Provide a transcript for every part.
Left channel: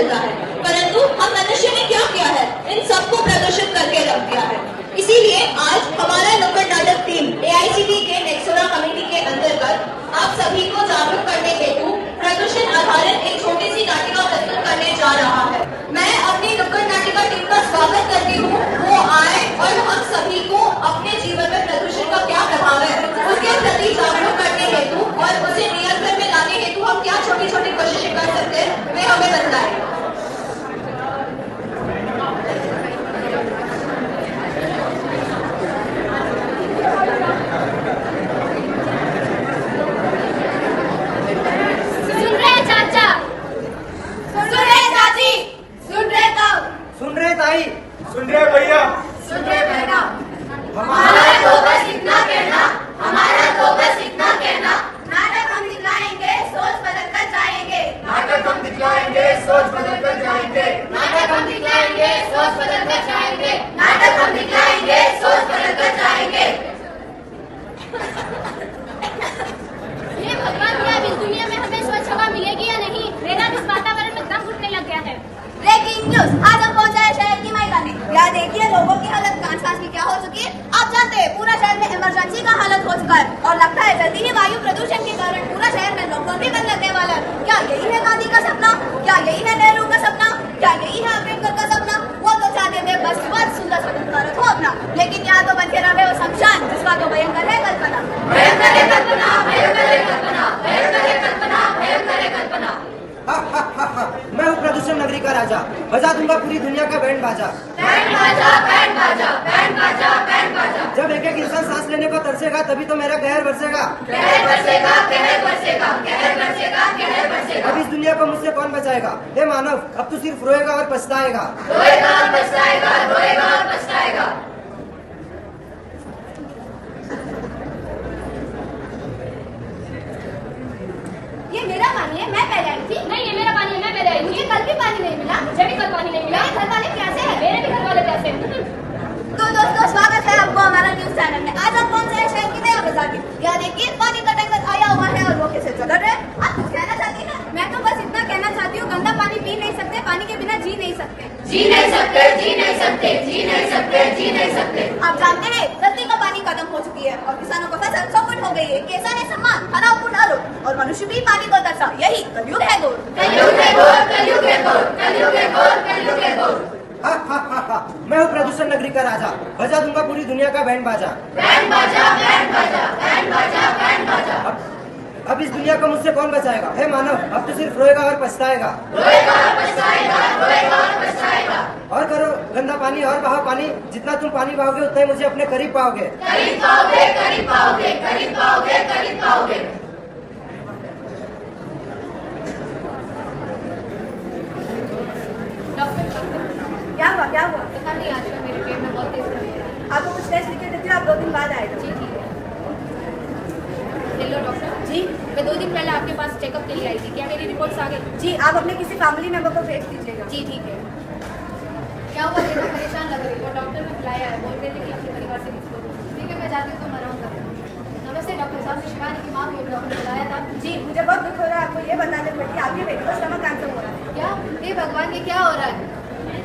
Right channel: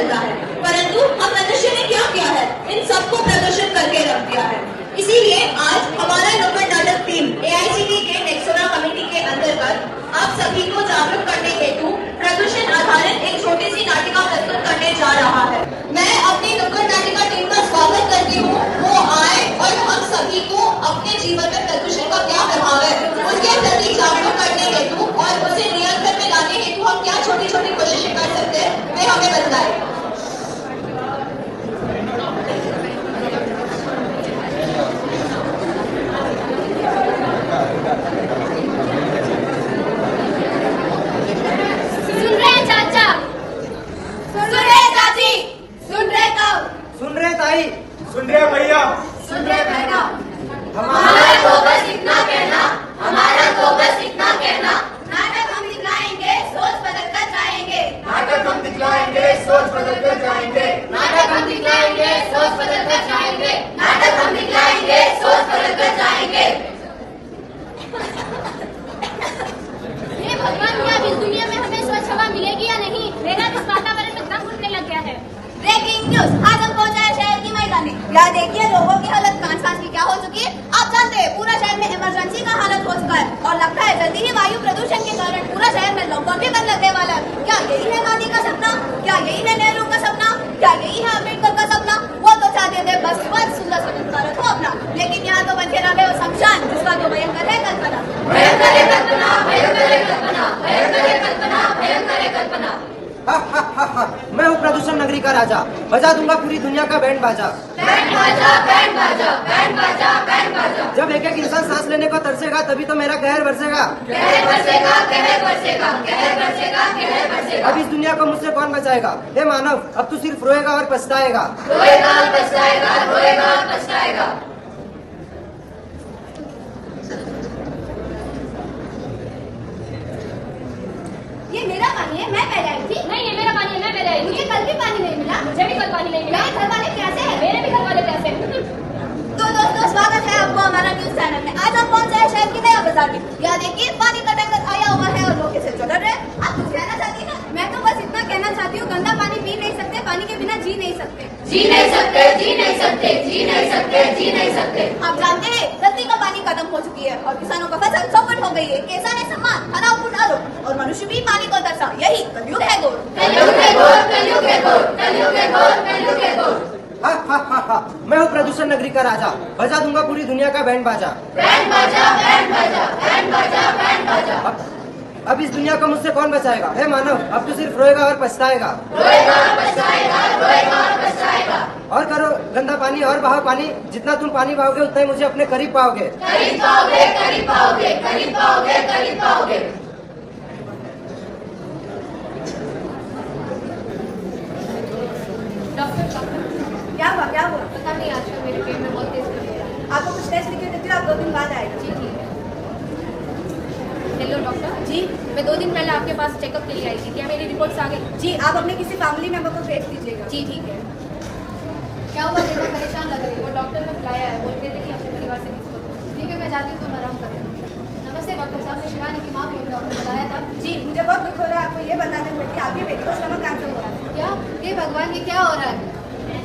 मिलता है, परंतु हम मनुष्य ने क्या किया है, इन सबको प्रदर्शित करके रख दिया है। इसीलिए आज हमारा नुक्कड़ नाटक टीम AICTE के नेक्सोना कमेटी के अंतर्गत आप सभी को जागरूक करने हेतु प्रदर्शन आधारित एक छोटी सी नाटिका प्रस्तुत करने जा रहा है। मैं अपनी नुक्कड़ नाटिका टीम का स्वागत करती हूँ, वो आए और हम सभी को अपने जीवन में प्रदूषण का क्या प्रभाव है उसके प्रति जागरूक करने हेतु और उसे नियंत्रण में लाने हेतु हम क्या छोटी छोटी कोशिशें कर सकते हैं, वे हमें बताएं। सुन रहे भैया, सुन रहे बहना, हमारा तो बस इतना कहना, हमारा तो बस इतना कहना। नाटक हम दिखलाएंगे, सोच बदल कर जाएंगे। नाटक हम दिखलाएंगे, सोच बदल कर जाएंगे। नाटक हम दिखलाएंगे, सोच बदल कर जाएंगे। नाटक हम दिखलाएंगे, सोच बदल कर जाएंगे। ये भगवान, क्या इस दुनिया में हमें स्वच्छ हवा मिलेगी या नहीं? मेरा इस वातावरण में दम घुटने लग गया है। ब्रेकिंग न्यूज, आज हम पहुंचा है शहर की मैदानी। यहाँ देखिए लोगों की हालत कांच की क्या हो चुकी है। आप जानते हैं पूरा शहर में इमरजेंसी का हालत हो चुका है और लगता है जल्दी ही वायु प्रदूषण के कारण पूरा शहर में लॉकडाउन भी बंद लगने वाला है। क्या यही है गांधी का सपना? क्या यही है नेहरू का सपना? क्या यही है अम्बेडकर का सपना? वो तो चाहते थे बस सुंदर स्वतंत्र भारत हो अपना, लेकिन यहाँ तो बन के रहे वो शमशान, जिसका तो भयंकर है कल्पना। भयंकर है कल्पना, भयंकर है कल्पना, भयंकर है कल्पना, भयंकर है कल्पना। मैं हूँ प्रदूषण नगरी का राजा, बजा दूंगा पूरी दुनिया का बैंड बाजा। बैंड बाजा, बैंड बाजा, बैंड बाजा, बैंड बाजा। जब एक एक इंसान सांस लेने को तरसेगा तभी तो मेरा कहर बरसेगा। कहर बरसेगा, कहर बरसेगा, कहर बरसेगा, कहर बरसेगा। अब इस दुनिया को मुझसे कौन बचाएगा? हे मानव, अब तू सिर्फ रोएगा और पछताएगा। रोएगा और पछताएगा, रोएगा और पछताएगा। ये मेरा पानी है, मैं पहले आई थी। नहीं, ये मेरा पानी है, मैं पहले आई हूँ। मुझे कल भी पानी नहीं मिला। मुझे भी कल पानी नहीं मिला। मेरे घर वाले कैसे हैं? मेरे भी घर वाले कैसे हैं? तो दोस्तों, स्वागत है आपको हमारा न्यूज चैनल में। आज हम पहुंचे हैं शहर की नया बाजार में। यहाँ देखिए पानी का टैंकर आया हुआ है और वो कैसे चल रहे हैं। आप कुछ कहना चाहती हैं? मैं तो बस इतना कहना चाहती हूँ, गंदा पानी पी नहीं सकते, पानी के बिना जी नहीं सकते। जी नहीं सकते, जी नहीं सकते, जी नहीं सकते, जी नहीं सकते। आप जानते हैं धरती का पानी खत्म हो चुकी है और किसानों का फसल चौपट हो गई है। किसान है सम्मान, हरापूर्ण आरोप और मनुष्य भी पानी को तरसा। यही कलयुग है घोर, कलयुग है घोर, कलयुग है घोर, कलयुग है घोर, कलयुग है घोर। मैं हूँ प्रदूषण नगरी का राजा, बजा दूंगा पूरी दुनिया का बैंड बाजा। बैंड बाजा, बैंड बाजा, बैंड बाजा, बैंड बाजा। अब इस दुनिया को मुझसे कौन बचाएगा? हे मानव, अब तू सिर्फ रोएगा और पछताएगा। रोएगा और पछताएगा, रोएगा और पछताएगा। और करो गंदा पानी और बहाओ पानी, जितना तुम पानी बहाओगे उतना ही मुझे अपने करीब पाओगे। करीब पाओगे, करीब पाओगे, करीब पाओगे, करीब पाओगे। डॉक्टर, क्या हुआ? पता नहीं, आजकल मेरे पेट में बहुत तेज दर्द हो रहा है। आपको कुछ टेस्ट लिखे देती हूँ, आप 2 दिन बाद आएगा। जी ठीक है। हेलो डॉक्टर जी, मैं 2 दिन पहले आपके पास चेकअप के लिए आई थी, क्या मेरी रिपोर्ट्स आ गई? जी, आप अपने किसी फैमिली मेंबर को भेज दीजिएगा। जी ठीक है। क्या हुआ, बेटा परेशान लग रही है? वो डॉक्टर ने बुलाया है, बोल रहे थे कि अपने परिवार से किसी को दो। ठीक है, मैं जाती हूँ, तुम आराम करो। नमस्ते डॉक्टर साहब, मैं शिवानी की माँ को डॉक्टर ने बुलाया था। जी, मुझे बहुत दुख हो रहा है आपको ये बताने में कि आपकी बेटी को स्टमक कैंसर हो रहा है। क्या? हे भगवान, ये क्या हो रहा है?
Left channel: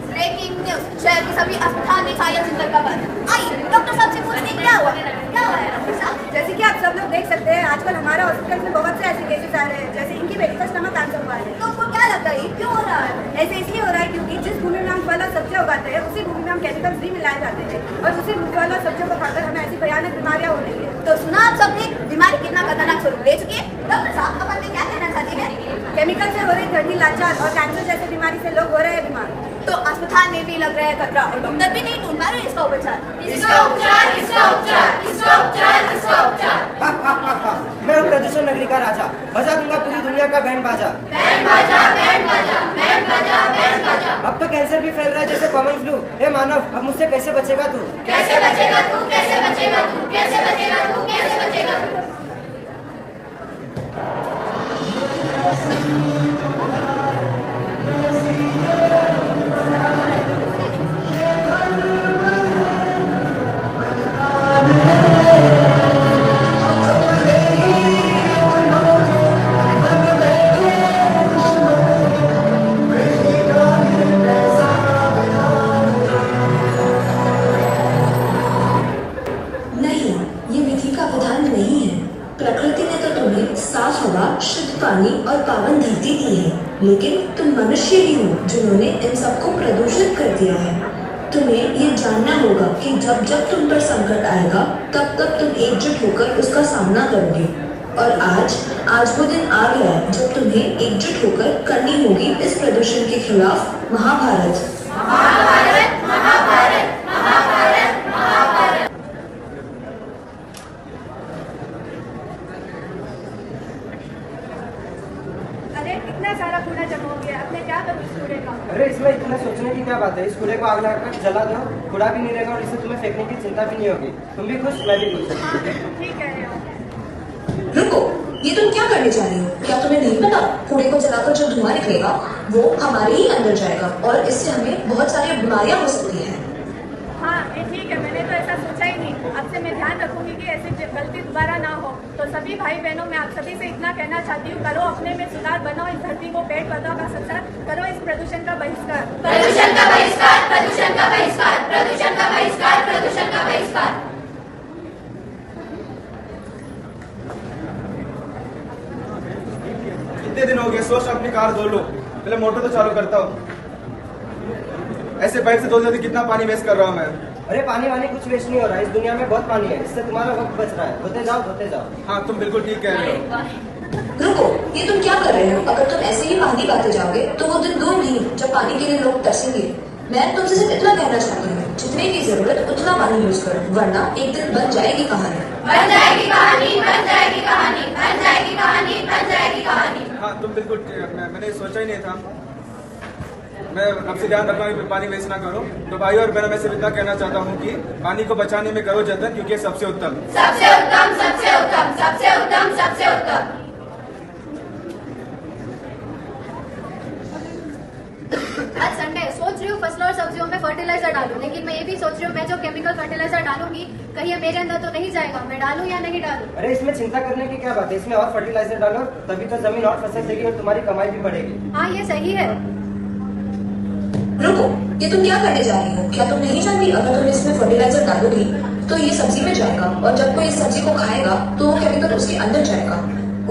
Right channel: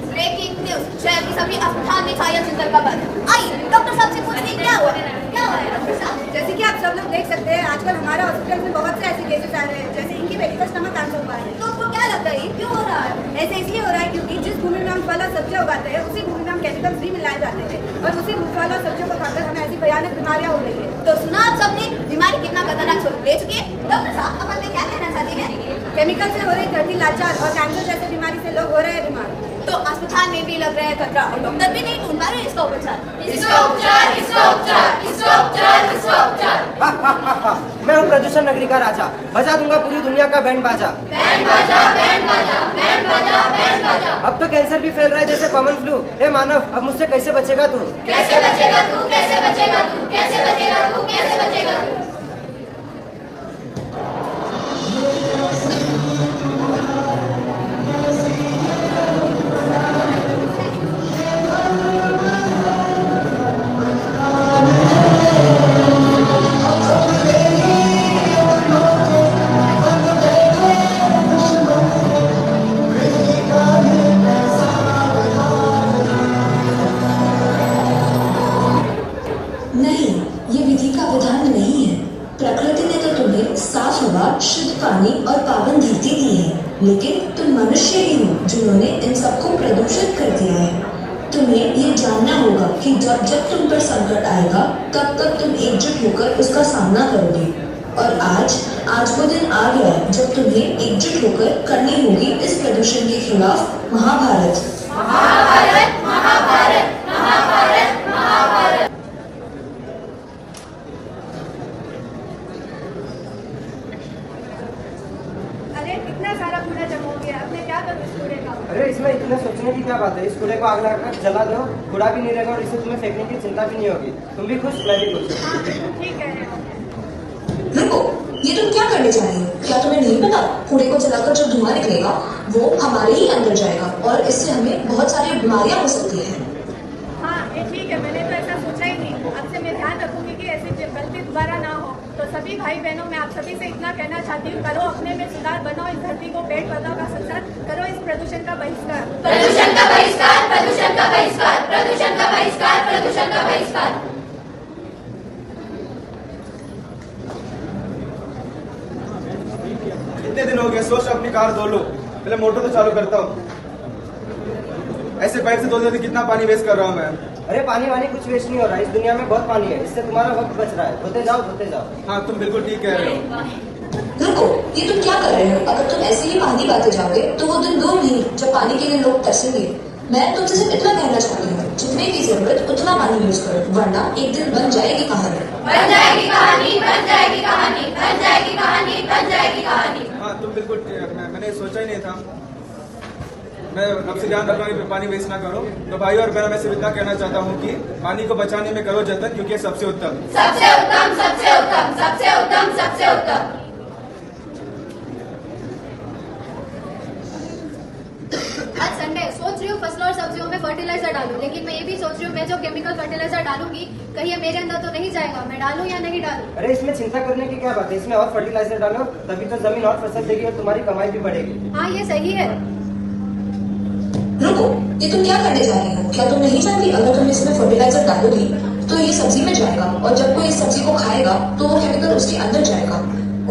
ब्रेकिंग न्यूज, शहर की सभी अस्पताल में छाया चिंता का बात। आइए डॉक्टर साहब से पूछते हैं क्या हुआ है डॉक्टर साहब? जैसे कि आप सब लोग देख सकते हैं, आजकल हमारे हॉस्पिटल में बहुत से ऐसे केसेस आ रहे हैं, जैसे इनकी बेटी का स्टमक कैंसर हुआ है। तो आपको क्या लगता है क्यों हो रहा है? ऐसे इसलिए हो रहा है क्योंकि जिस भूमि में हम फल और सब्जियां उगाते हैं, उसी भूमि में हम केमिकल्स भी मिलाए जाते हैं और उसी फल और सब्जियों को खाकर हमें ऐसी भयानक बीमारियां हो रही है। तो सुना आप सबने, बीमारी कितना खतरनाक स्वरूप ले चुकी है। डॉक्टर साहब, अब आपने क्या कहना चाहती है? केमिकल से हो रही धरती लाचार और कैंसर जैसे बीमारी से लोग हो रहे हैं बीमार। तो अस्पताल में भी लग रहा है खतरा और डॉक्टर भी नहीं ढूंढ पा रहे इसका उपचार। इसका उपचार, इसका उपचार, इसका उपचार, इसका उपचार। मैं हूँ प्रदूषण नगरी का राजा, बजा दूंगा पूरी दुनिया का बैंड बाजा। बैंड बाजा, बैंड बाजा, बैंड बाजा, बैंड बाजा। अब तो कैंसर भी फैल रहा है जैसे कॉमन फ्लू। हे मानव, अब मुझसे कैसे बचेगा तू? कैसे बचेगा तू, कैसे बचेगा तू, कैसे बचेगा तू, कैसे बचेगा तू? शुद्ध पानी और पावन धरती दी है, लेकिन तुम मनुष्य ही हो जिन्होंने इन सबको प्रदूषित कर दिया है। तुम्हें ये जानना होगा कि जब जब तुम पर संकट आएगा तब तब तुम एकजुट होकर उसका सामना करोगे। और आज वो दिन आ गया है जब तुम्हें एकजुट होकर करनी होगी इस प्रदूषण के खिलाफ महाभारत। महाभारत महाभारत महाभारत महाभारत। अरे इतना सारा कूड़ा जमा हो गया, अब मैं क्या करूँ इस कूड़े का? अरे इसमें इतने सोचने की क्या बात है, इस कूड़े को आग लगाकर जला दो, कूड़ा भी नहीं रहेगा और इसे तुम्हें फेंकने की चिंता भी नहीं होगी। तुम भी खुश, मैं भी खुश। हाँ तुम ठीक कह रहे हो। रुको, ये तुम क्या करने जा रही हो? क्या तुम्हें नहीं पता कूड़े को जलाकर जो धुआं निकलेगा वो हमारे ही अंदर जाएगा और इससे हमें बहुत सारी बीमारियां हो सकती हैं। हाँ ये ठीक है, मैंने तो ऐसा सोचा ही नहीं। अब से मैं ध्यान रखूंगी कि ऐसी गलती दोबारा ना हो। तो सभी भाई बहनों, मैं आप सभी से इतना कहना चाहती हूँ, करो अपने में सुधार, बनाओ इस धरती को पेड़ पौधों का संसार, करो इस प्रदूषण का बहिष्कार। प्रदूषण का बहिष्कार, प्रदूषण का बहिष्कार, प्रदूषण का बहिष्कार, प्रदूषण का बहिष्कार। कितने दिन हो गए, सोच अपनी कार धो लो। पहले मोटर तो चालू करता हूँ। ऐसे पाइप से धोते कितना पानी वेस्ट कर रहा हूँ मैं। अरे पानी वानी कुछ वेस्ट नहीं हो रहा है, इस दुनिया में बहुत पानी है, इससे तुम्हारा वक्त बच रहा है। धोते जाओ धोते जाओ। हाँ तुम बिल्कुल ठीक कह रहे हो। रुको, ये तुम क्या कर रहे हो? अगर तुम ऐसे ही पानी पाते जाओगे तो वो दिन दूर नहीं जब पानी के लिए लोग तरसेंगे। मैं तुमसे सिर्फ इतना कहना चाहती हूँ, जितने की जरूरत उतना पानी यूज करो, वरना एक दिन बन जाएगी कहानी। बन जाएगी कहानी, बन जाएगी कहानी, बन जाएगी कहानी, बन जाएगी कहानी। हाँ तुम बिल्कुल, मैंने सोचा ही नहीं था। मैं अब से ध्यान रखूंगा कि पानी वेस्ट ना करो। तो भाई और बहनों, मैं सिर्फ इतना कहना चाहता हूँ कि पानी को बचाने में करो जतन, क्योंकि ये सबसे उत्तम, सबसे उत्तम, सबसे उत्तम, सबसे उत्तम, सबसे उत्तम। आज संडे, सोच रही हूँ फसलों और सब्जियों में फर्टिलाइजर डालूं, लेकिन मैं ये भी सोच रही हूँ मैं जो केमिकल फर्टिलाइजर डालूंगी कहीं ये मेरे अंदर तो नहीं जाएगा। मैं डालूं या नहीं डालूं? अरे इसमें चिंता करने की क्या बात है, इसमें और फर्टिलाइजर डालो, तभी तो जमीन और फसल देगी और तुम्हारी कमाई भी बढ़ेगी। हाँ ये सही है। रुको, ये तुम क्या करने जा रही हो? क्या तुम नहीं जानती अगर तुम इसमें फर्टिलाइजर डालोगी तो ये सब्जी में जाएगा और जब कोई इस सब्जी को खाएगा तो वो केमिकल उसके अंदर जाएगा,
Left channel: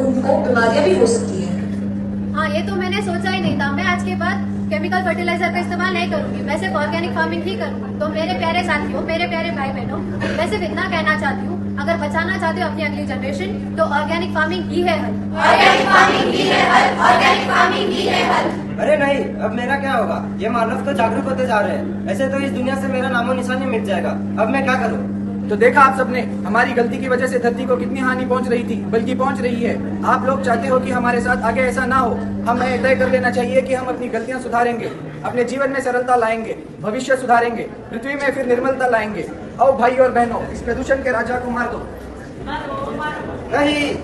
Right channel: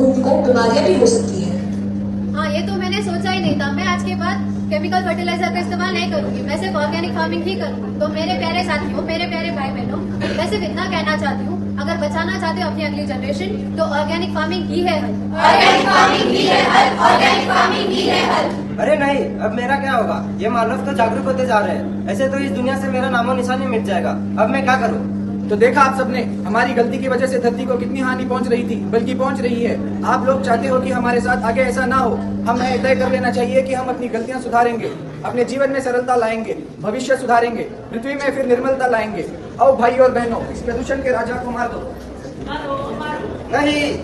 उनको बीमारियां भी हो सकती है। हाँ ये तो मैंने सोचा ही नहीं था। मैं आज के बाद केमिकल फर्टिलाइजर का इस्तेमाल नहीं करूंगी, मैं सिर्फ ऑर्गेनिक फार्मिंग ही करूंगी। तो मेरे प्यारे साथियों, मेरे प्यारे भाई बहनों, मैं सिर्फ इतना कहना चाहती हूँ, अगर बचाना चाहते हो अपनी अगली जनरेशन तो ऑर्गेनिक फार्मिंग ही है हल। ऑर्गेनिक फार्मिंग ही है हल, ऑर्गेनिक फार्मिंग ही है हल। अरे नहीं, अब मेरा क्या होगा? ये मानव तो जागरूक होते जा रहे हैं, ऐसे तो इस दुनिया से मेरा नामो निशान ही मिट जाएगा। अब मैं क्या करूँ? तो देखा आप सबने, हमारी गलती की वजह से धरती को कितनी हानि पहुंच रही थी, बल्कि पहुंच रही है। आप लोग चाहते हो कि हमारे साथ आगे ऐसा ना हो। हमें तय कर लेना चाहिए कि हम अपनी गलतियां सुधारेंगे, अपने जीवन में सरलता लाएंगे, भविष्य सुधारेंगे, पृथ्वी में फिर निर्मलता लाएंगे। आओ भाई और बहनों, इस प्रदूषण के राजा को मार दो। नहीं,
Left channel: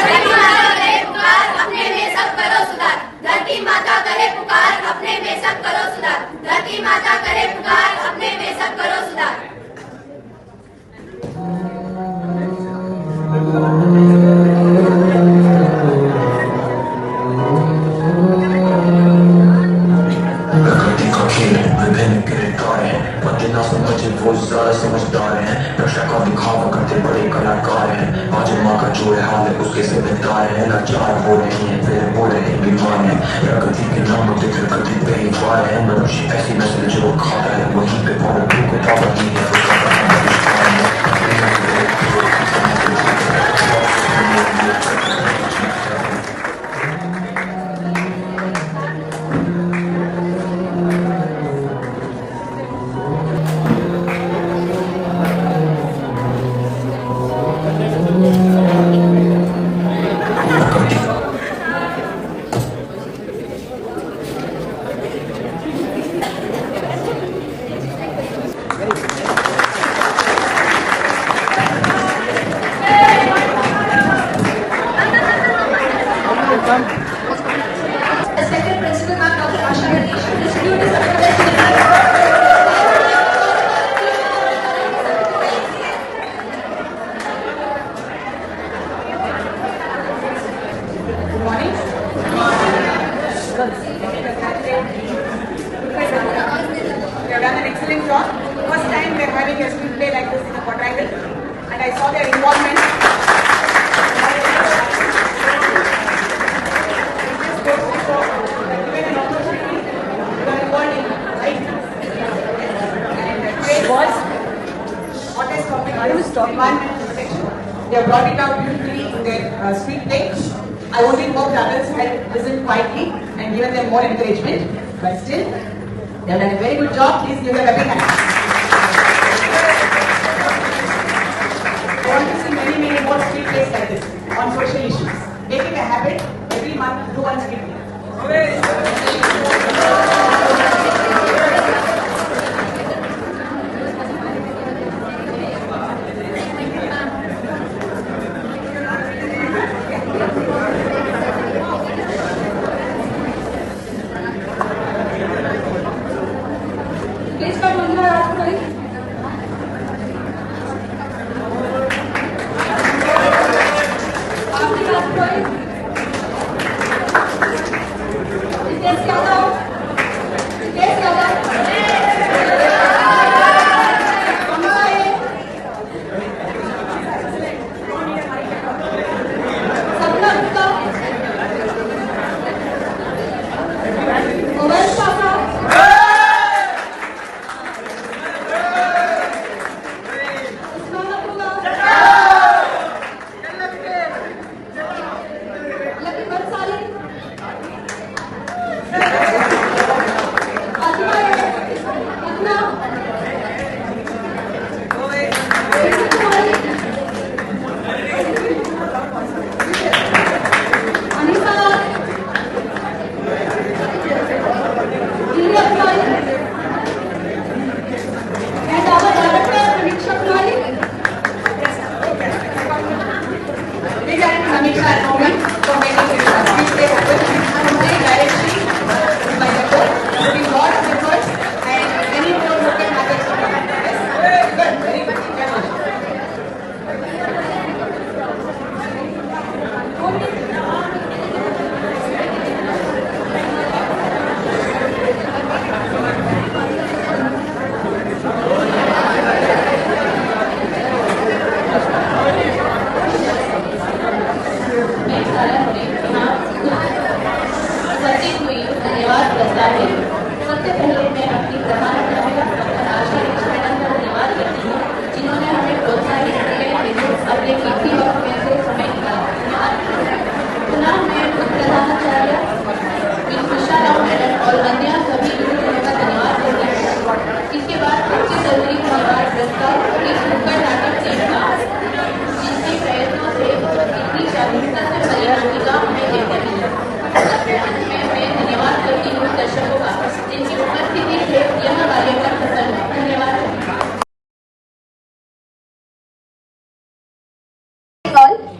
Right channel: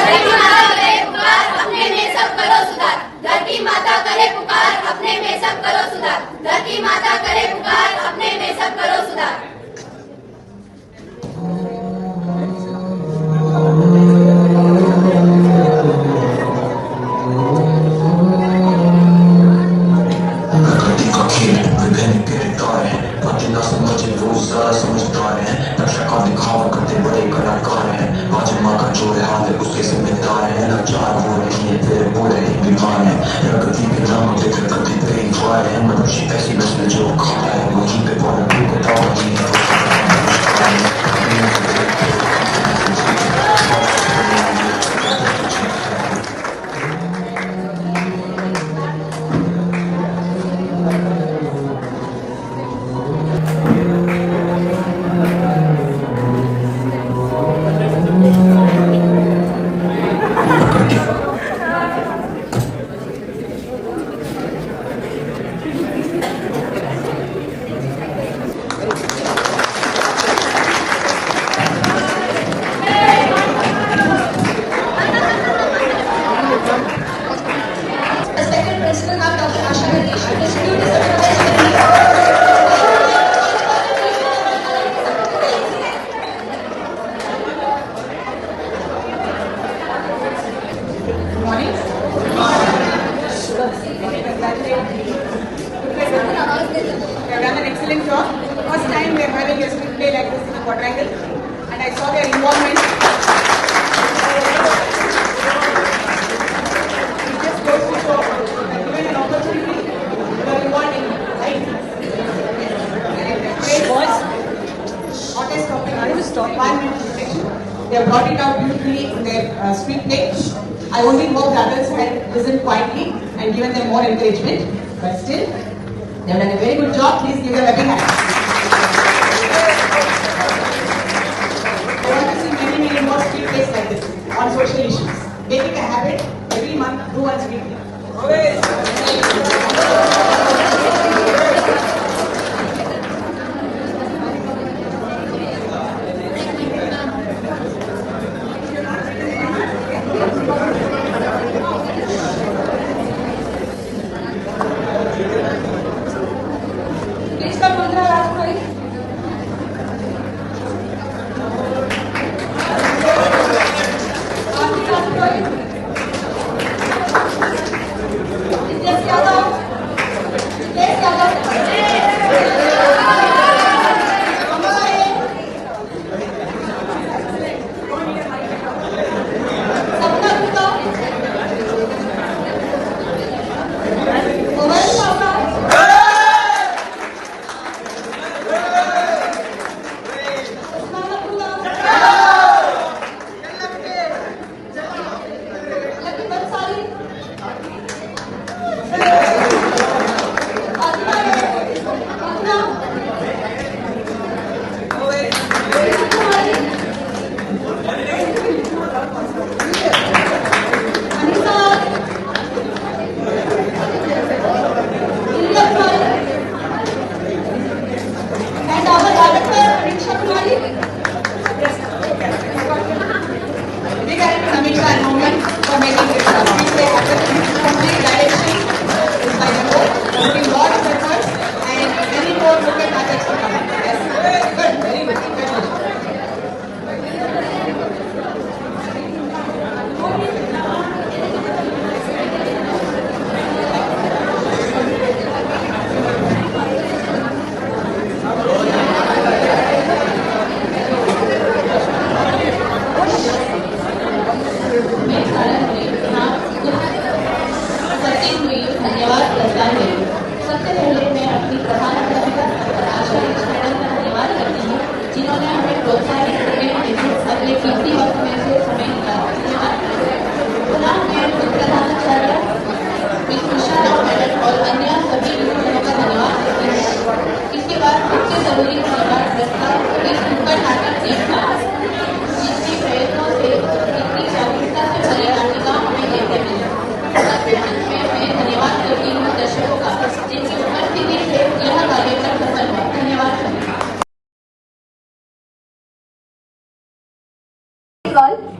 धरती माता करे पुकार, अपने में सब करो सुधार। धरती माता करे पुकार, अपने में सब करो सुधार। धरती माता करे पुकार, अपने में सब करो सुधार। समझदार है, रक्षा का दिखावा करते बड़े कलाकार है। आज माँ का जो है हाथ उसके जिम्मेदार है। लाचार वो नहीं है, फिर वो रहे बीमार है। प्रकृति के नाम से प्रकृति पे ही वार है। मनुष्य ऐसी नस्ल जो खाता है वहीं पे प्रकृति को पावा ही है। their involvement. Given an opportunity, they are involved in right. And today's hottest topic is environmental protection. They have brought it out beautifully in their speech deck. I only hope the others had listened quietly and given them more encouragement. But still, they have done a very good job. Please give them a big hand. I want to see many, many more speed days like this on social issues. Make it a habit. Every month, do one speed day.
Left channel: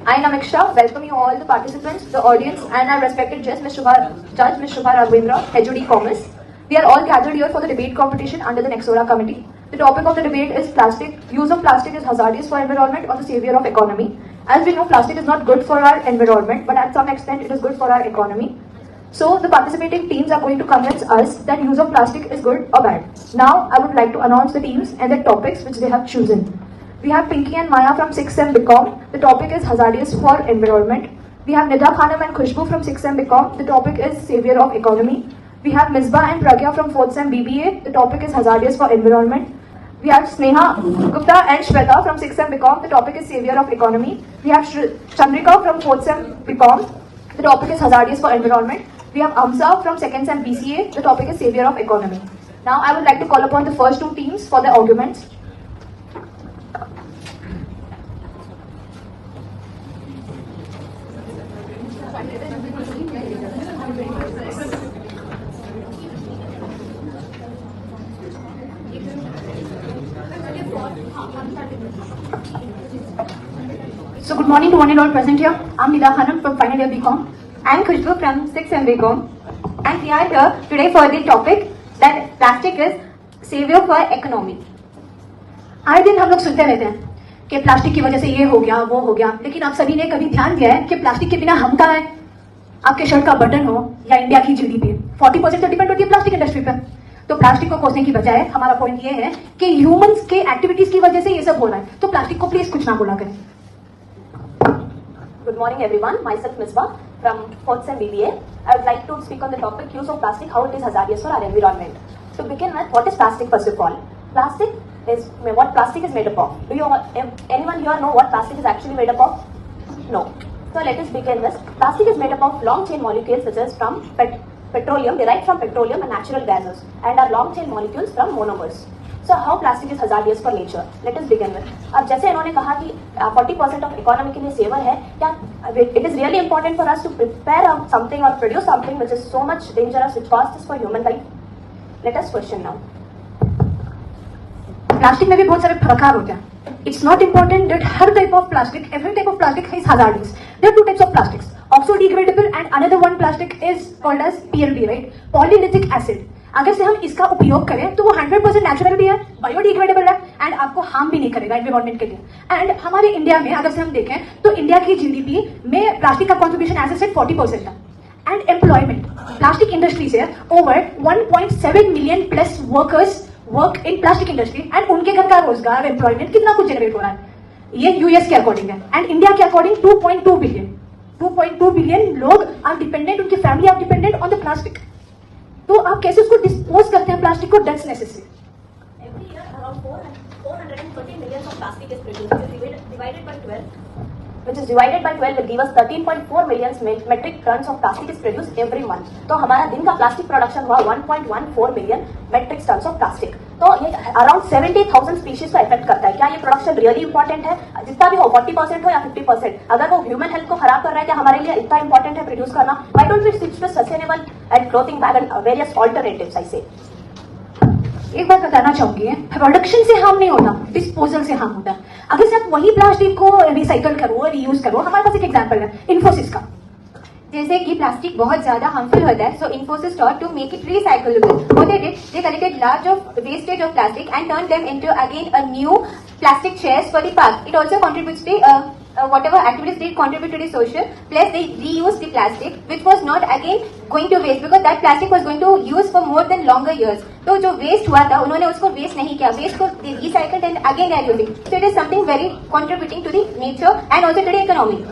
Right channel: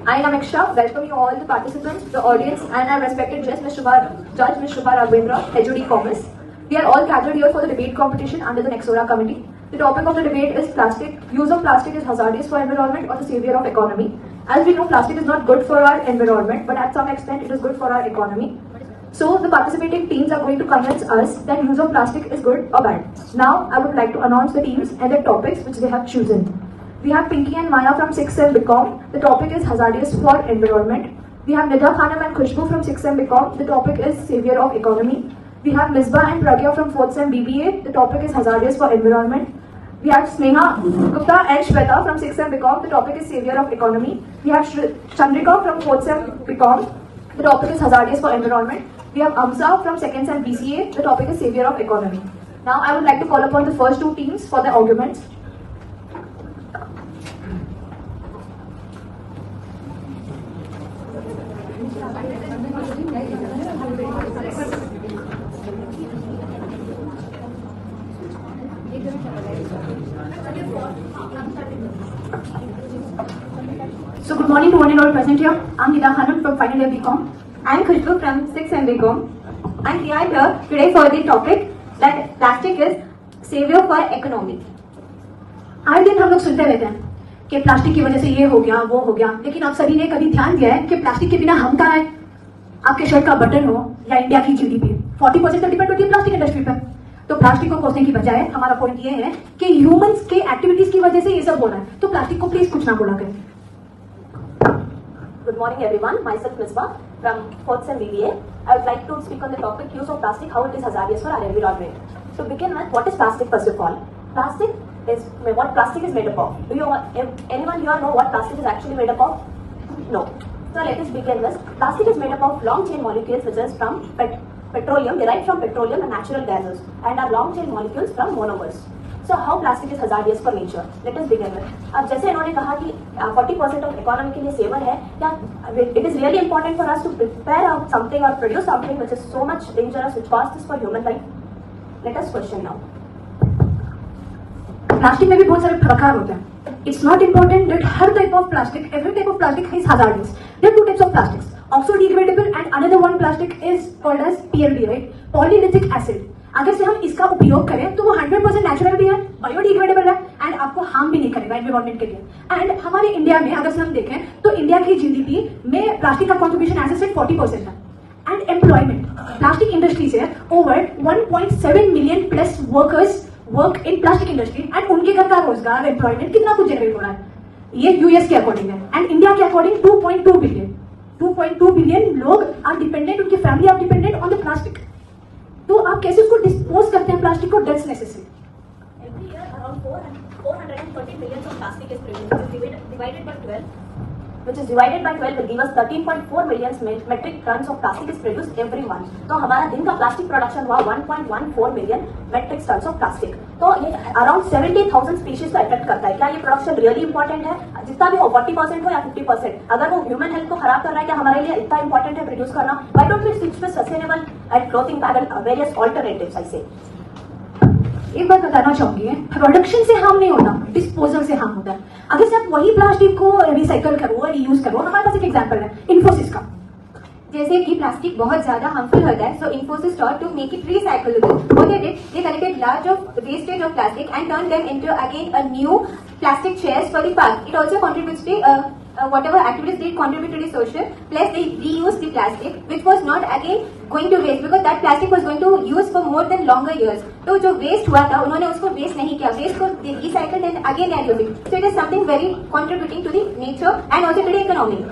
I am Amiksha. Welcome you all the participants, the audience, and our respected Judge Ms. Shubha Raghavendra, HOD Commerce. We are all gathered here for the debate competition under the Nexora Committee. The topic of the debate is plastic. Use of plastic is hazardous for environment or the savior of economy. As we know, plastic is not good for our environment, but at some extent it is good for our economy. So the participating teams are going to convince us that use of plastic is good or bad. Now I would like to announce the teams and their topics which they have chosen. We have Pinky and Maya from 6th Sem BCom. The topic is hazardous for environment. We have Nida Khanam and Khushbu from 6th Sem BCom. The topic is savior of economy. We have Misbah and Pragya from 4th Sem BBA. The topic is hazardous for environment. We have Sneha Gupta and Shweta from 6th Sem BCom. The topic is savior of economy. We have Chandrika from 4th Sem BCom. The topic is hazardous for environment. We have Amsa from 2nd Sem BCA. The topic is savior of economy. Now I would like to call upon the first two teams for their arguments. So good morning to one and all present here. I'm Nida Khanam from final year BCom. I'm Khushbu from 6th Sem BCom. And we are here today for the topic that plastic is savior for economy. हर दिन हम लोग सुनते रहते हैं कि plastic की वजह से ये हो गया वो हो गया, लेकिन आप सभी ने कभी ध्यान दिया है कि प्लास्टिक के बिना हम कहाँ हैं? आपके शर्ट का बटन हो या इंडिया की जीडीपी 40% तो डिपेंड होती है प्लास्टिक इंडस्ट्री पर। तो प्लास्टिक को खोजने की बजाय हमारा पॉइंट ये है कि ह्यूमंस के एक्टिविटीज की वजह से ये सब हो रहा है, तो प्लास्टिक को प्लीज कुछ ना बोला करें। Good morning, everyone. Myself, Misbah, from 4th Sem BBA. I would like to speak on the topic use of plastic, how it is hazardous for our environment. To begin with, what is plastic first of all? Plastic is what plastic is made up of. Do you anyone here know what plastic is actually made up of? No. So let us begin with plastic is made up of long chain molecules such as from petroleum, derived from petroleum and natural gases, and are long chain molecules from monomers. So how plastic is hazardous for nature? Let us begin with. अब जैसे इन्होंने कहा कि 40% of economy के लिए saver है, क्या it is really important for us to prepare something or produce something which is so much dangerous, which costs for human life? Let us question now. Plastic में भी बहुत सारे प्रकार होते हैं. It's not important that her type of plastic, every type of plastic is hazardous. There are two types of plastics. Oxo-degradable and another one plastic is called as PLD, right? Polylithic acid. अगर से हम इसका उपयोग करें तो वो 100% natural भी है, बायोडिग्रेडेबल है एंड आपको हार्म भी नहीं करेगा एनवायरमेंट के लिए. एंड हमारे इंडिया में अगर से हम देखें तो इंडिया की जीडीपी में प्लास्टिक का कॉन्ट्रीब्यूशन एज ए सेड 40% है. एंड एम्प्लॉयमेंट, प्लास्टिक इंडस्ट्री से over 1.7 million plus workers work in plastic industry and उनके घर का रोजगार एम्प्लॉयमेंट कितना कुछ जनरेट हो रहा है. ये यूएस के अकॉर्डिंग है एंड इंडिया के अकॉर्डिंग 2.2 बिलियन लोग आर डिपेंडेंट, उनकी family are dependent on the plastic. तो आप कैसे उसको डिस्पोज करते हैं प्लास्टिक को? That's necessary. Every year around 430 millions of plastic is produced, which is divided by 12 will give us 13.4 million metric tons of plastic is produced every month. तो हमारा दिन का प्लास्टिक प्रोडक्शन हुआ 1.14 million metric tons of plastic. तो ये around 70,000 species को effect करता है. क्या ये प्रोडक्शन रियली इंपॉर्टेंट है? जितना भी हो 40% हो या 50%, अगर वो ह्यूमन हेल्थ को खराब कर रहा है, क्या हमारे लिए इतना इंपॉर्टेंट है प्रोड्यूस करना? Why don't we switch to sustainable and clothing bag and various alternatives? I say एक बात बताना चाहूंगी, प्रोडक्शन से हार्म नहीं होता, डिस्पोजल से हार्म होता है. अगर से आप वही प्लास्टिक को रिसाइकल करो, रीयूज करो. हमारे पास एक एग्जांपल है इन्फोसिस का. जैसे कि प्लास्टिक बहुत ज्यादा हार्मफुल होता है, so Infosys thought to make it recyclable. What they did, they collected large of wastage of plastic and turn them into again a new plastic chairs for the park. It also contributes to whatever activities they contribute to the social, plus they reuse the plastic which was not again going to waste, because that plastic was going to use for more than longer years. तो जो waste हुआ था उन्होंने उसको waste नहीं किया, waste को they recycled and again they are using. So it is something very contributing to the nature and also to the economy.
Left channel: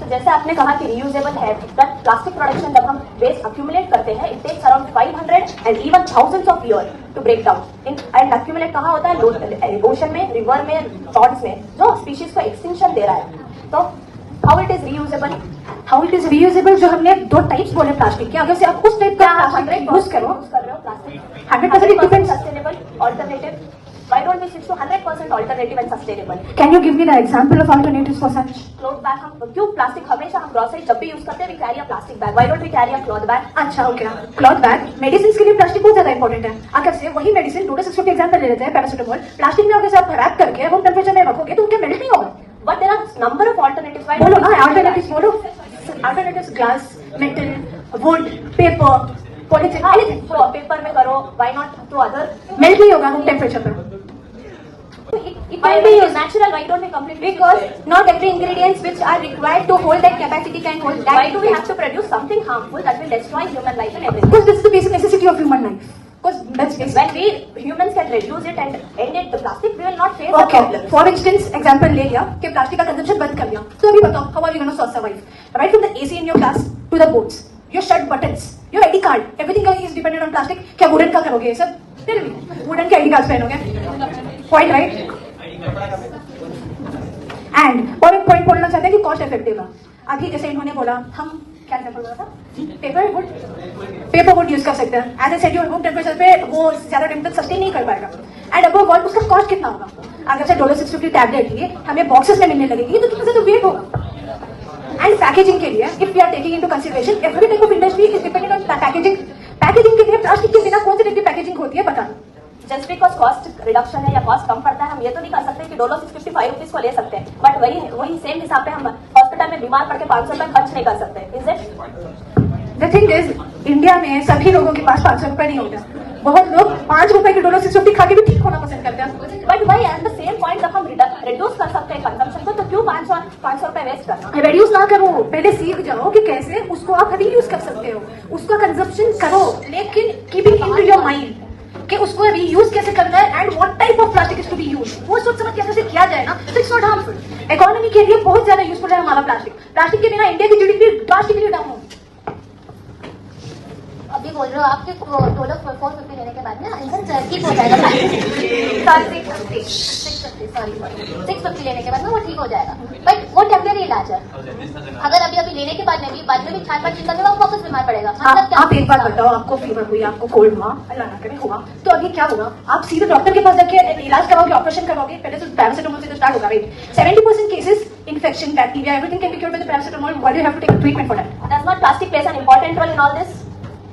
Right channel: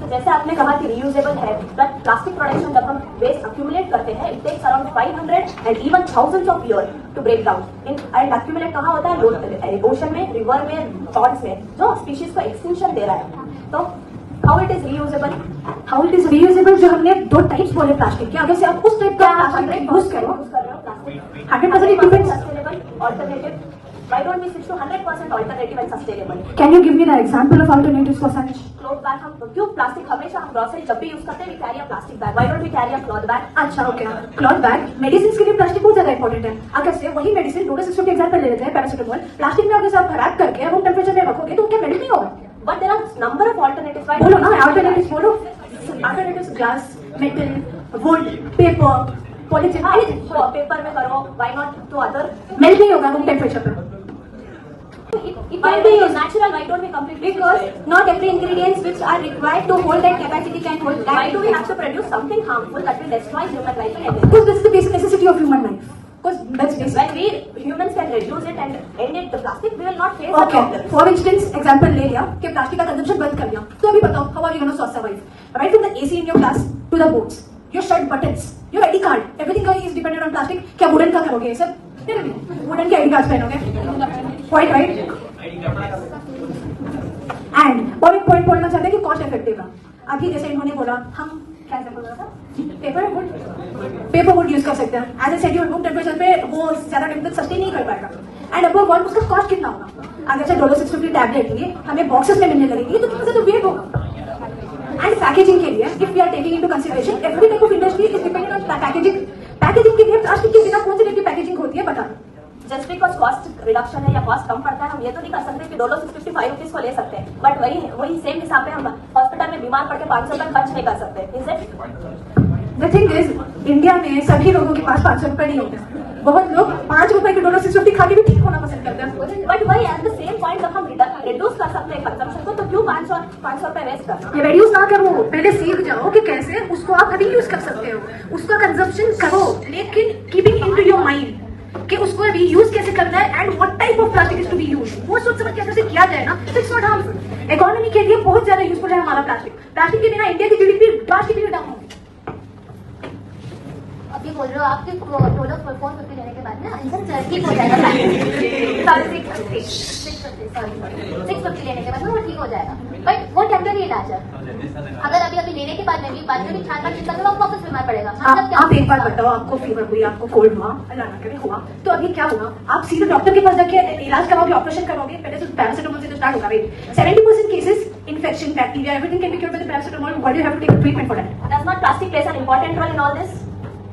तो जैसे आपने कहा कि रियूजेबल है, बट प्लास्टिक प्रोडक्शन जब हम वेस्ट अक्यूमुलेट करते हैं, it takes around 500 and even thousands of year to break down in. And accumulate कहाँ होता है? ओशन में, रिवर में, पॉन्ड्स में, जो स्पीशीज को एक्सटिंक्शन दे रहा है. तो how it is reusable? How it is reusable, जो हमने दो टाइप्स बोले प्लास्टिक के, अगर से आप उस टाइप का प्लास्टिक यूज करो, 100% it depends. Sustainable alternative. Why don't we switch to 100% alternative and sustainable? Can you give me the example of alternatives for such? Cloth bag. हम क्यों प्लास्टिक हमेशा हम ग्रोसरी जब भी यूज करते हैं, we carry a plastic bag. Why don't we carry a cloth bag? अच्छा, okay. Cloth bag, medicine के लिए प्लास्टिक बहुत ज्यादा इंपॉर्टेंट है. अगर से वही मेडिसिन डॉक्टर 650 एग्जांपल ले लेते हैं, पैरासिटामोल, प्लास्टिक में अगर से आप रैप करके रूम टेम्परेचर में रखोगे तो क्या मेल्ट नहीं होगा? But there are number of alternatives. बोलो ना अल्टरनेटिव्स, बोलो. Alternatives glass, metal, wood, paper, polythene, anything. Paper में करो, why not to other? Melt नहीं होगा रूम टेम्परेचर पर. It can be natural. Why don't we completely? Because not every ingredients which are required to hold that capacity can hold that. Why do we have to produce something harmful that will destroy human life and everything? Because that's the basic necessity of human life. Because that's basic. When we humans can reduce it and end it, the plastic, we will not face the Okay. problem. For instance, example ले लिया कि plastic का consumption बंद कर दिया, तो अभी बताओ how are you going to survive? Right from the AC in your class to the books, your shirt buttons, your ID card, everything is dependent on plastic. क्या वुडन का करोगे सर? Tell me, वुडन के ID card पहनोगे? Point right? And और एक point बोलना चाहते हैं कि कॉस्ट इफेक्टिव है. अभी जैसे इन्होंने बोला, हम क्या बोल रहा था, पेपर वुड यूज कर सकते हैं. As a said your room temperature पे वो ज्यादा टाइम तक सस्टेन नहीं कर पाएगा. एंड अबव ऑल उसका कॉस्ट कितना होगा? अगर से $650 टैबलेट लिए हमें बॉक्सेस में मिलने लगेगी तो कितना ज्यादा वेट होगा. एंड पैकेजिंग के लिए if we are taking into consideration every type of industry is dependent on packaging. Packaging के लिए प्लास्टिक के बिना कौन से टाइप की पैकेजिंग होती है बता. जस्ट बिकॉज कॉस्ट रिडक्शन है या कॉस्ट कम पड़ता है, हम ये तो नहीं कर सकते कि डोलो 655 रुपीज को ले सकते हैं, बट वही सेम हिसाब पे हम हॉस्पिटल में बीमार पड़ के 500 रुपये खर्च नहीं कर सकते. Is it? The thing is, India में सभी लोगों के पास 500 रुपये नहीं होता. बहुत लोग 5 रुपए के डोलो 650 खा के भी ठीक होना पसंद करते हैं. बट वही एट द सेम पॉइंट जब हम रिड्यूस कर सकते हैं कंजम्पशन को, तो क्यों 500 रुपए वेस्ट करना? ये रिड्यूस ना करो, पहले सीख जाओ कि कैसे उसको आप रीयूज कर सकते हो. उसका कंजम्पशन करो, लेकिन कीपिंग इन योर माइंड कि उसको रीयूज कैसे करना है and what type of plastic is to be use, वो सोच समझ के कैसे किया जाए ना, तो इट्स नॉट हार्मफुल। इकोनॉमी के लिए बहुत ज्यादा यूजफुल है हमारा प्लास्टिक। प्लास्टिक के बिना इंडिया की जीडीपी ड्रास्टिकली डाउन होगी। अभी बोल रहे हो आप कि वो लोग 450 लेने के बाद में आंसर ठीक हो जाएगा, 650 लेने के बाद में वो ठीक हो जाएगा, बट वो टेम्परेरी इलाज है। अगर अभी लेने के बाद में बाद में भी 4-5 दिन तक वो वापस बीमार पड़ेगा। आप एक बार बताओ, आपको फीवर हुई, आपको कोल्ड हुआ, हुआ तो अभी क्या होगा? आप सीधे डॉक्टर के पास जाके इलाज करवाओगे, ऑपरेशन करवाओगे, पहले तो पैरासिटामोल से तो स्टार्ट होगा, right? 70% cases infection, bacteria, everything can be cured by the paracetamol. Why do have to take treatment for that? Does not plastic place an important role in all this?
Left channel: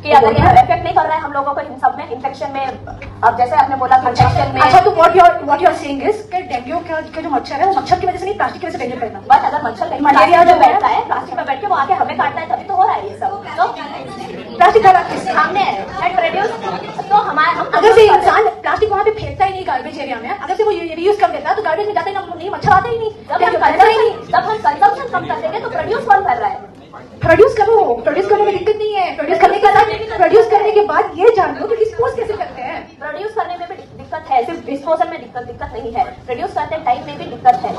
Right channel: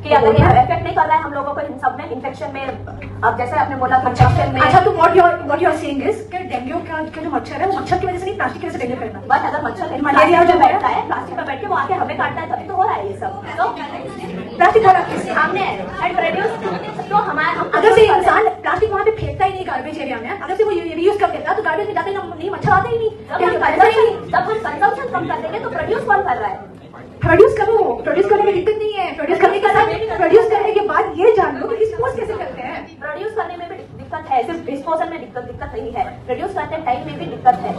कि अगर ये effect नहीं कर रहा है हम लोगों को इन सब में, इन्फेक्शन में, अब जैसे आपने बोला प्रोटेक्शन में। अच्छा, तो what you are saying is कि डेंगू का जो मच्छर है वो मच्छर की वजह से नहीं, प्लास्टिक की वजह से डेंगू करेगा। बट अगर मच्छर कहीं मलेरिया जो बैठता है, प्लास्टिक पर बैठ के वो आके हमें काटता है, तभी तो हो रहा है ये सब। तो प्लास्टिक का सामने है एंड प्रोड्यूस, तो हमारे अगर से इंसान प्लास्टिक वहाँ पे फेंकता ही नहीं गार्बेज एरिया में, अगर से वो रीयूज कर देता तो गार्बेज में जाते नहीं, मच्छर आता ही नहीं, जब हम कंजम्पशन कम कर देंगे तो प्रोड्यूस कौन कर रहा है? प्रोड्यूस करने में दिक्कत नहीं है। प्रोड्यूस करने के बाद ये जान लो कि डिस्पोज कैसे करते हैं। प्रोड्यूस करने में भी दिक्कत है, सिर्फ डिस्पोजल में दिक्कत नहीं है, प्रोड्यूस करते टाइम में भी दिक्कत है।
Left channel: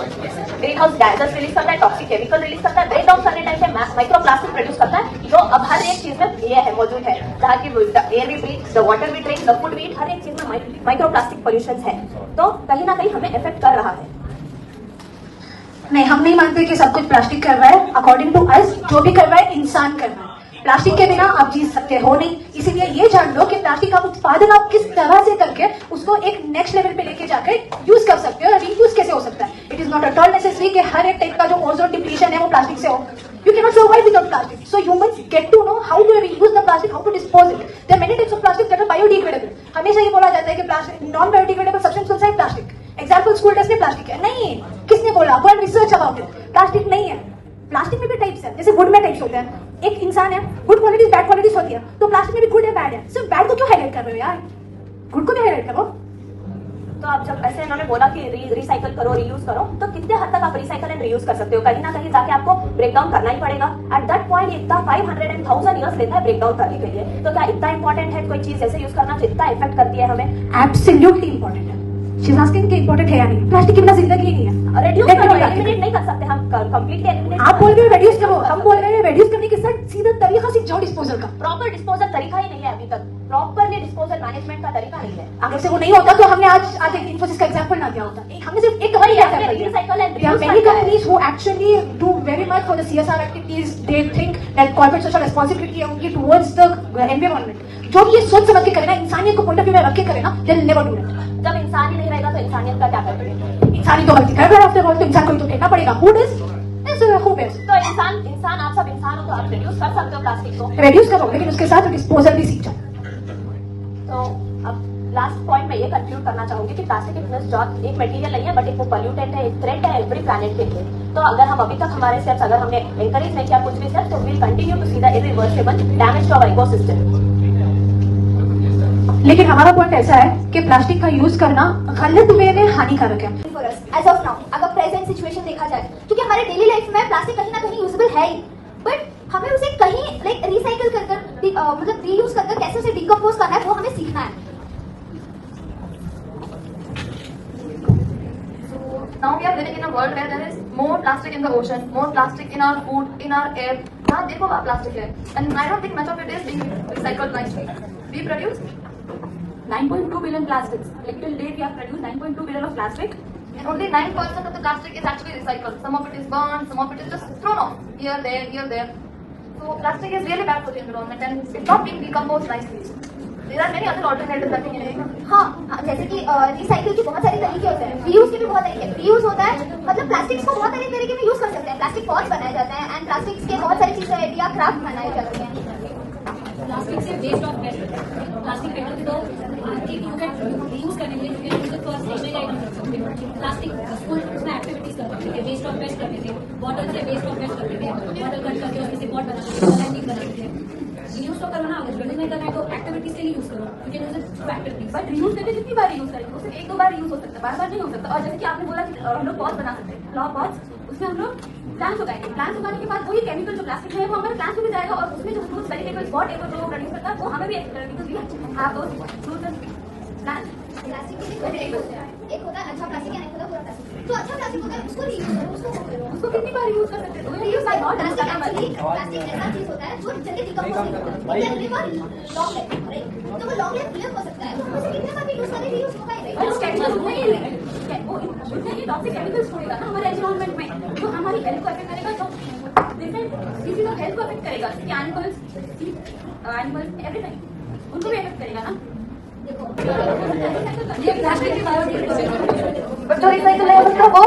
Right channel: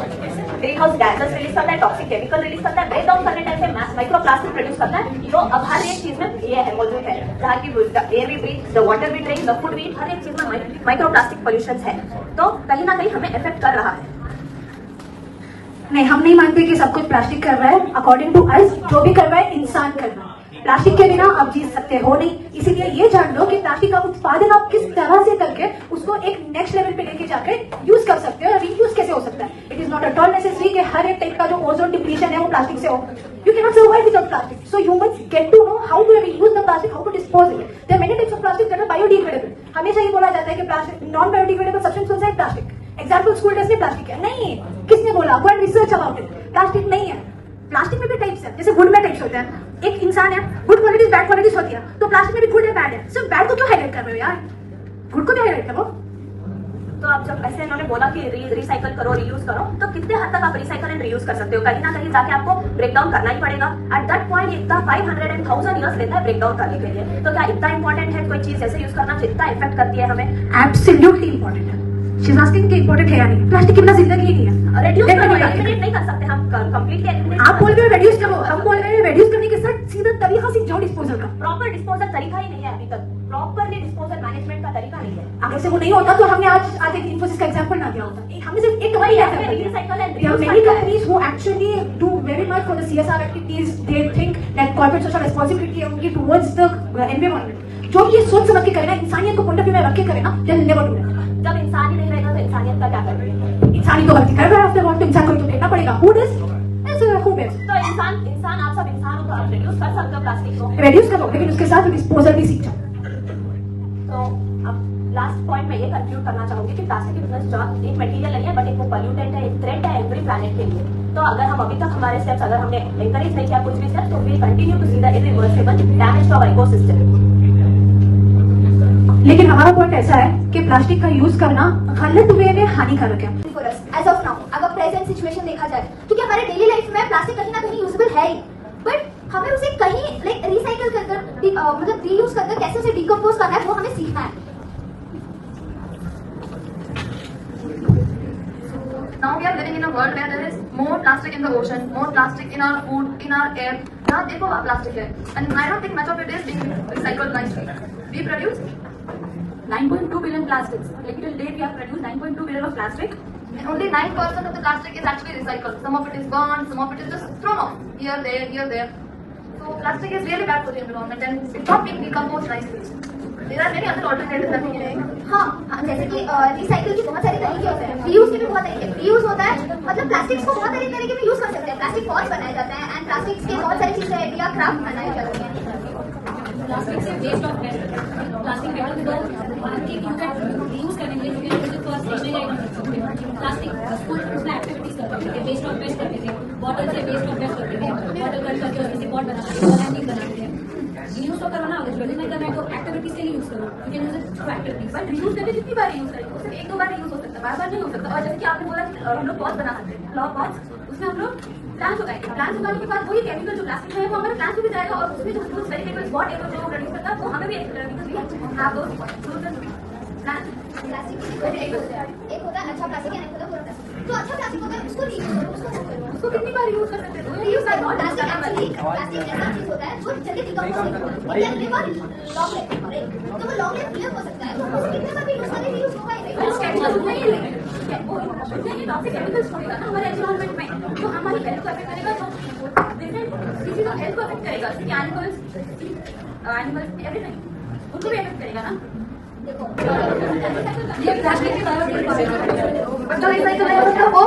ग्रीन हाउस गैसेस रिलीज करता है, टॉक्सिक केमिकल रिलीज करता है, ब्रेक डाउन करने टाइम पे माइक्रो प्लास्टिक प्रोड्यूस करता है, जो अब हर एक चीज में ये है, मौजूद है। जहाँ की एयर भी ब्रीथ, द वाटर भी ड्रिंक, द फूड भी, हर एक चीज में माइक्रो प्लास्टिक पॉल्यूशन है, तो कहीं ना कहीं हमें इफेक्ट कर रहा है। नहीं, हम नहीं मानते कि सब कुछ प्लास्टिक कर रहा है। अकॉर्डिंग टू अस जो भी कर रहा है इंसान कर रहा है। प्लास्टिक के बिना आप जी सकते हो नहीं, इसीलिए ये जान लो कि प्लास्टिक का उत्पादन आप किस तरह से करके उसको एक नेक्स्ट लेवल पे लेके जाके यूज कर सकते हो, रीयूज कैसे हो सकता है। It is not at all necessary कि हर एक टाइप का जो ओजोन डिप्लीशन है वो प्लास्टिक से हो। You can not survive without plastic, so humans get to know how to reuse the plastic, how to dispose it. There are many types of plastic that are biodegradable. हमेशा ये बोला जाता है कि प्लास्टिक नॉन बायोडिग्रेडेबल सब्सटेंस कौन सा है? Plastic. Example school test में प्लास्टिक है नहीं, किसने बोला? Go and research about it. Plastic नहीं है। प्लास्टिक में भी टाइप्स है, जैसे गुड में टाइप्स होते हैं। एक इंसान है, गुड क्वालिटीज बैड क्वालिटीज होती है, तो प्लास्टिक में भी गुड है बैड है। सिर्फ बैड को क्यों हाईलाइट कर रहे हो यार? गुड को भी हाईलाइट करो। तो आप जब ऐसे इन्होंने बोला कि रिसाइकल करो, रीयूज करो, तो कितने हद तक आप रिसाइकल एंड रीयूज कर सकते हो? कहीं ना कहीं जाके आपको ब्रेक डाउन करना ही पड़ेगा। एट दैट पॉइंट इतना 500 and 1000 ईयर्स लेता है ब्रेक डाउन करने के लिए। तो क्या इतना इंपॉर्टेंट है कोई चीज ऐसे यूज करना जितना इफेक्ट करती है हमें? एब्सोल्युटली इंपॉर्टेंट है। शी इज आस्किंग कि इंपॉर्टेंट है या नहीं? प्लास्टिक के बिना जिंदगी ही नहीं है। एलिमिनेट नहीं कर सकते हम, कंप्लीटली एलिमिनेट। आप बोल रहे हो रेड्यूस करो, हम बोल रहे हैं रेड्यूस करने के साथ सीधा तरीका सीख जाओ डिस्पोजल का। प्रॉपर डिस्पोजल तरीका ही नहीं है अभी तक, प्रॉपरली डिस्पोजल मैनेजमेंट का तरीका नहीं है। अगर से वो नहीं होता तो हमने आज एक इन्फोसिस का एग्जांपल ना दिया होता। हमने सिर्फ एक वही रहता है। Recycle and There are many companies who actually do very much for the CSR activities. They think that corporate social responsibility only towards the environment. जो भी ये सोच समझ के करे ना, इंसानियत को पॉइंट ऑफ व्यू में रख के करे ना, they'll never do it. जब इंसान ही नहीं रहेगा तो इंसानियत का क्या करेगा? इंसान को गलती कर रहा है, तो इंसान को तो देखना पड़ेगा। Who does? Who does? तो इंसान आप सब इंसान हो, तो आप रिड्यूस कर सकते हो प्लास्टिक को। रेड्यूस करो, लेकिन उसके साथ डिस्पोजल भी सीख जाओ। तो अब लास्ट पॉइंट में ये कंक्लूड करना चाहूंगी कि प्लास्टिक एक मटेरियल नहीं है, बट एक पॉल्यूटेंट है, एक थ्रेट है एवरी प्लैनेट के लिए। तो अगर हम अभी तक हमारे स्टेप्स अगर हमने एनकरेज नहीं किया कुछ भी स्टेप, तो will continue to see the irreversible damage to our ecosystem. लेकिन हमारा पॉइंट ऐसा है कि प्लास्टिक का यूज करना गलत वे में हानिकारक है। एज ऑफ नाउ अगर प्रेजेंट सिचुएशन देखा जाए, क्योंकि हमारे डेली लाइफ में प्लास्टिक कहीं ना कहीं यूजेबल है ही, बट हमें उसे कहीं लाइक रिसाइकल कर मतलब रीयूज कर कैसे उसे डिकम्पोज करना है, वो हमें सीखना है। Now we are living in a world where there is more plastic in the ocean, more plastic in our food, in our air. Now देखो वहाँ plastic है, and I don't think much of it is being recycled nicely. We produce 9.2 billion plastics. Like till date we have produced 9.2 billion of plastic. and only 9% of the plastic is actually recycled. Some of it is burned, some of it is just thrown off here, there. So plastic is really bad for the environment and it's not being decomposed nicely. There are many other alternatives that we can make. हाँ, जैसे कि recycle के बहुत सारे तरीके होते हैं, reuse के भी बहुत तरीके। रीयूज होता है मतलब प्लास्टिक्स को बहुत सारे तरीके में यूज कर सकते हैं। प्लास्टिक पॉट्स बनाए जाते हैं एंड प्लास्टिक्स के बहुत सारी चीजें या क्राफ्ट बनाए जाते हैं। प्लास्टिक से waste of petrol, plastic petrol को रीयूज करने के लिए फर्स्ट स्टेशनरी आइटम रख सकते हैं। प्लास्टिक स्कूल उसमें एक्टिविटीज करते थे, वेस्ट ऑफ वेस्ट करते थे, बॉटल से वेस्ट ऑफ वेस्ट करते थे, बॉटल कट करके उसमें से बॉट बनाते थे, बनाते थे। रीयूज तो करना अगर जल्दी नहीं करना है तो एक्टिविटीज से ही यूज करो, you can use it through activities. But reuse करके जितनी बार यूज करेंगे उससे एक दो बार यूज हो सकता है, बार बार नहीं हो सकता। और जैसे कि आपने बोला कि हम लोग पॉट्स बना सकते हैं, फ्लावर पॉट्स, उसमें हम लोग प्लांट्स उगाएंगे। प्लांट्स उगाने के बाद वही केमिकल जो प्लास्टिक है वो हमारे प्लांट्स में भी जाएगा और उसमें जो फ्रूट्स वेजिटेबल्स वॉट एवर जो प्रोड्यूस करता है वो हमें भी because we have those fruits and plastic के दो टाइप होते हैं, एक होता है अच्छा प्लास्टिक या एक होता है बुरा प्लास्टिक। जो अच्छा प्लास्टिक होता है उसको रीयूज करो, उसको वो करो, उसको कितनी बार यूज कर सकते हो? रीयूज करो। प्लास्टिक एक्चुअली प्लास्टिक ऐसा चीज होता है जो जल्दी डिकम्पोज नहीं होता, it can live long life, right? तो वो लॉन्ग लाइफ लिव हो सकता है, तो हम उसे कितने बार भी यूज करें रीयूज होगा ही, राइट? उस केमिकल नहीं है, ये टॉक्सिक केमिकल्स छोड़ेगा ना हमारे एनवायरनमेंट में, जो हमारी हेल्थ को अफेक्ट करेगा, तो डिफरेंट किसी का हेल्थ को अफेक्ट करेगा, एनिमल्स एवरीथिंग उनको भी अफेक्ट करेगा ना। देखो ये प्लास्टिक की बायोडिग्रेडेबल तो रिसाइकल है वो।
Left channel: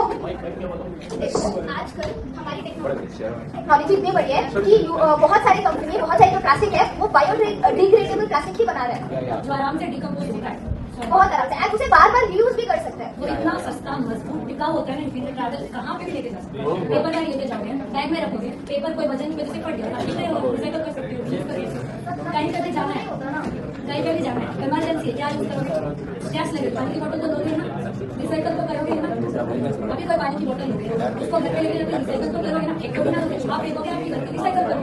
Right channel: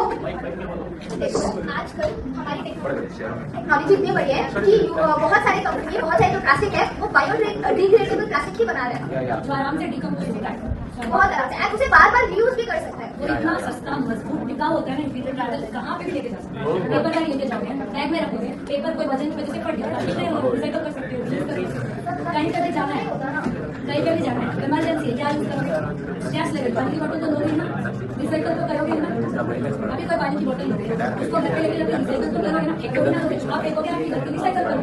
देखो आजकल हमारी टेक्नोलॉजी इतनी बड़ी है कि बहुत सारी कंपनी, बहुत सारी जो प्लास्टिक है वो बायोडिग्रेडेबल प्लास्टिक ही बना रहे हैं, जो आराम से डिकम्पोज होता है, बहुत आराम से, आप उसे बार बार रीयूज भी कर सकते हैं। वो इतना सस्ता मजबूत टिकाऊ होता है ना, इनके ट्रैवल कहाँ पे भी लेके जा सकते हैं। पेपर बैग लेके जाओगे, बैग में रखोगे, पेपर कोई वजन की वजह से फट गया, प्लास्टिक नहीं होगा, रिसाइकल कर सकते हो, यूज कर सकते हो। कहीं पे भी जाना है, कहीं पे भी जाना है, इमरजेंसी है, क्या यूज करोगे? गैस लगे, पानी की बोतल तो लोगे ना, रिसाइकल तो करोगे ना। अभी कोई पानी की बोतल लोगे, उसको घर पे लेके जाके रिसाइकल तो करोगे ना, एक तो बिना लोगे, आप एक हो गया, आपकी घर की रिसाइकल करो।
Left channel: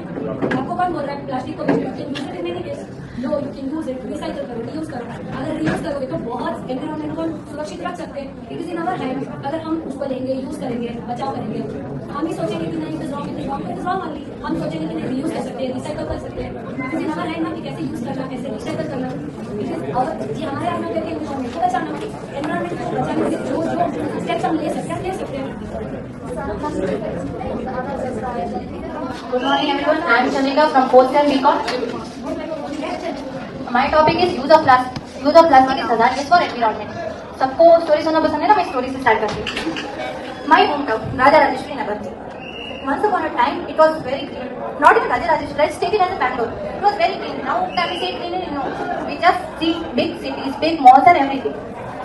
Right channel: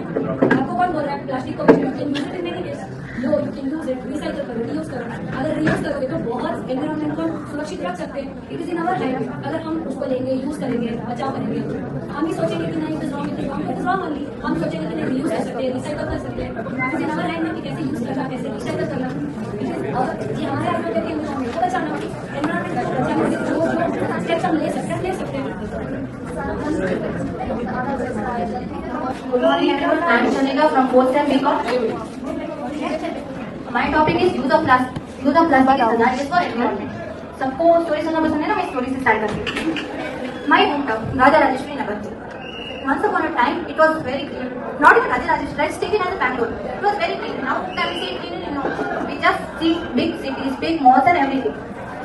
आपको कौन बोल रहा है प्लास्टिक को use it in many case? Low you can use it, recycle करो, रीयूज करो। अगर रीयूज करोगे तो बहुत एनवायरनमेंट को सुरक्षित रख सकते हैं। It is in our hand, अगर हम उसको लेंगे, यूज करेंगे, बचाव करेंगे, हम ही सोचेंगे कि नहीं it is wrong, it is wrong, it is wrong only. हम सोचेंगे कि नहीं रीयूज कर सकते हैं, रिसाइकल कर सकते हैं। It is in our hand ना कि कैसे यूज करना, कैसे रिसाइकल करना। इट इज अवर, ये हमारे हाथ में है कि एनवायरनमेंट को बचाना, एनवायरनमेंट को बचाने के जो जो स्टेप्स हम ले सकते हैं, ले सकते हैं। Good morning everyone, I am Chandrika from 4th and BCom. My topic is use of plastic is hazardous for environment. सबको स्टोरी सुनना पसंद है ना, मैं स्टोरी से स्टार्ट करती हूँ। My hometown, Raja Rajeshwari Nagar. Once upon a time, it was very clean. Not even Raja Rajeshwari, let's take it as a Bangalore. It was very clean. Now can we say clean? No. We just see big cities, big malls and everything.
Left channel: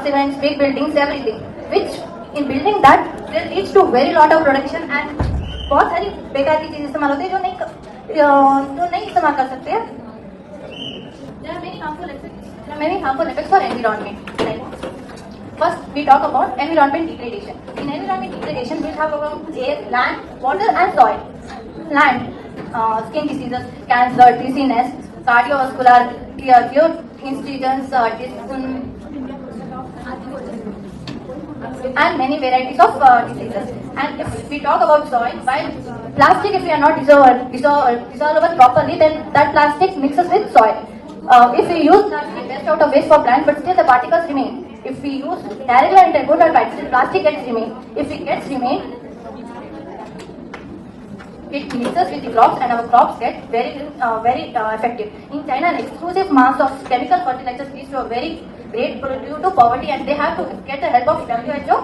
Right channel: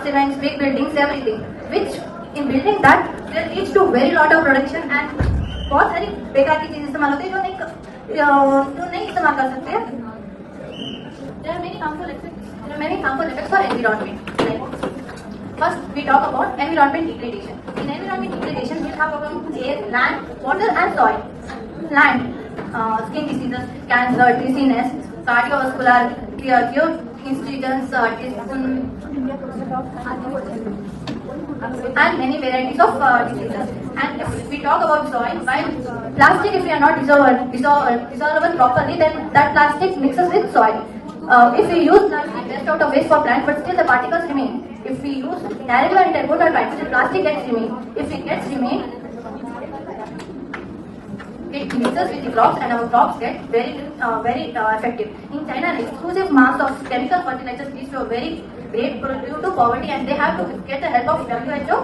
Cements, big buildings, everything. Which in building that, there leads to very lot of production and बहुत सारी बेकार की चीजें इस्तेमाल होती है जो नहीं इस्तेमाल कर सकते हैं। There are many harmful effects for environment. Like, first, we talk about environment degradation. In environment degradation, we have about air, land, water, and soil. Land, skin diseases, cancer, dizziness, cardiovascular, and many varieties of diseases. And if we talk about soil, while plastic, if we are not dissolvable properly, then that plastic mixes with soil. If we use plastic best out of waste for plants, but still the particles remain. If we use directly or intermodal practices, plastic gets remain. If it gets remain, it mixes with the crops and our crops get very effective. In China, an exclusive mass of chemical fertilizers leads to a very great due to poverty, and they have to get the help of WHO,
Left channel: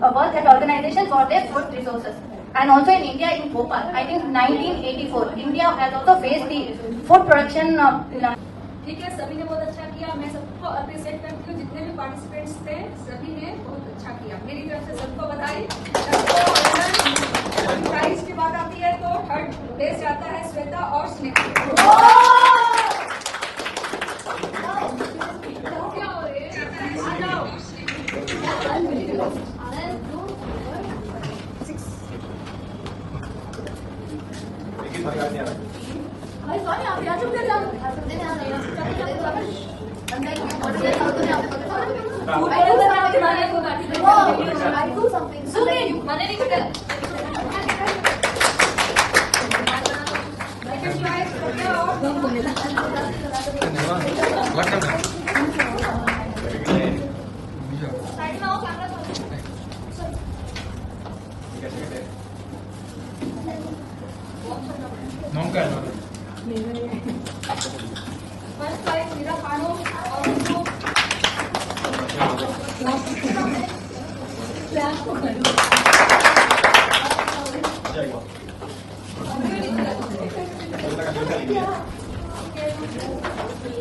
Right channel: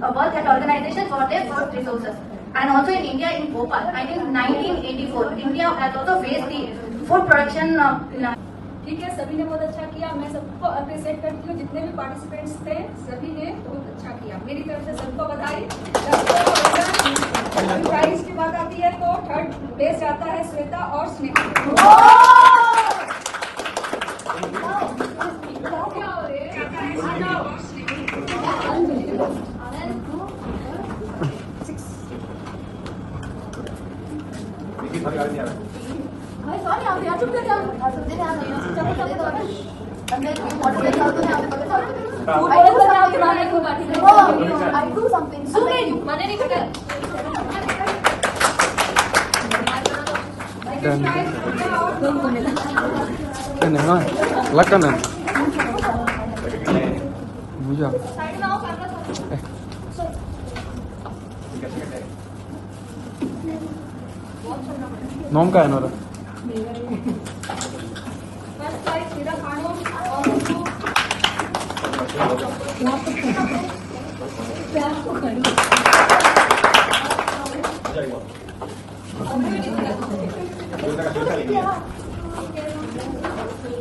World Health Organization, for their food resources. And also in India, in Bhopal, I think 1984, India has also faced the food production. ठीक है, सभी ने बहुत अच्छा किया, मैं सबको appreciate करती हूँ, जितने भी पार्टिसिपेंट्स थे सभी ने बहुत अच्छा किया। मेरी तरफ से सबको बधाई। सबको प्राइज की बात आती है तो थर्ड प्लेस जाता है श्वेता और स्नेहा। सॉरी आप आ चुके थे, नॉम का है ना फर्स्ट प्राइज मेरा खानो और उनको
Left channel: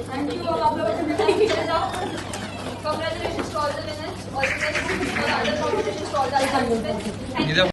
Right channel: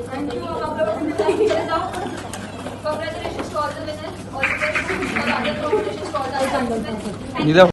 थैंक यू। आप लोग congratulations to all the winners, all the best for the other competitions, to all the other participants. Thank you.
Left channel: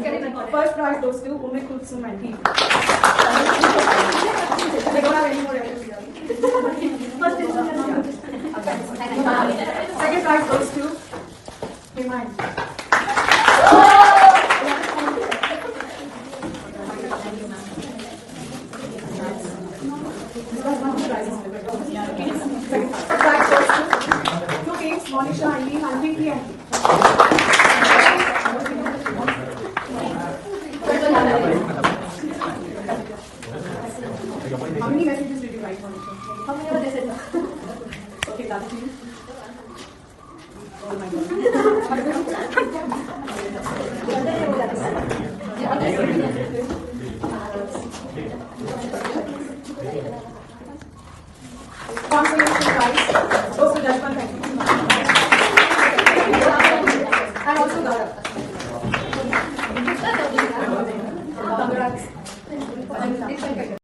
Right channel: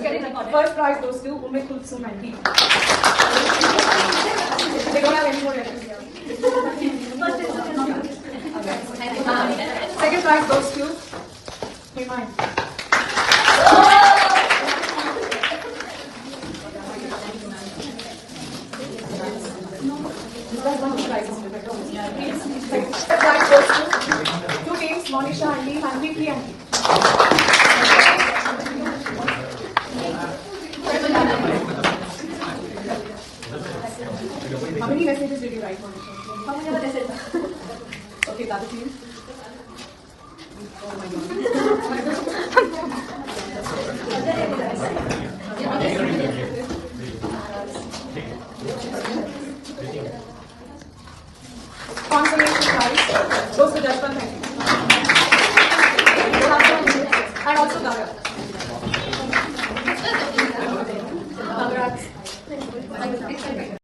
First prize goes to Umme Kulsum and Pete. They don't have any more letters here. Second prize goes to Himan. Second prize goes to two teams, Monisha and Lee, and Vicky and Lee. How many messages did you write, Monisha? How many other messages? Okay, the other team. Oh my God. Consolation prize goes to Jaswant and also Gaurav.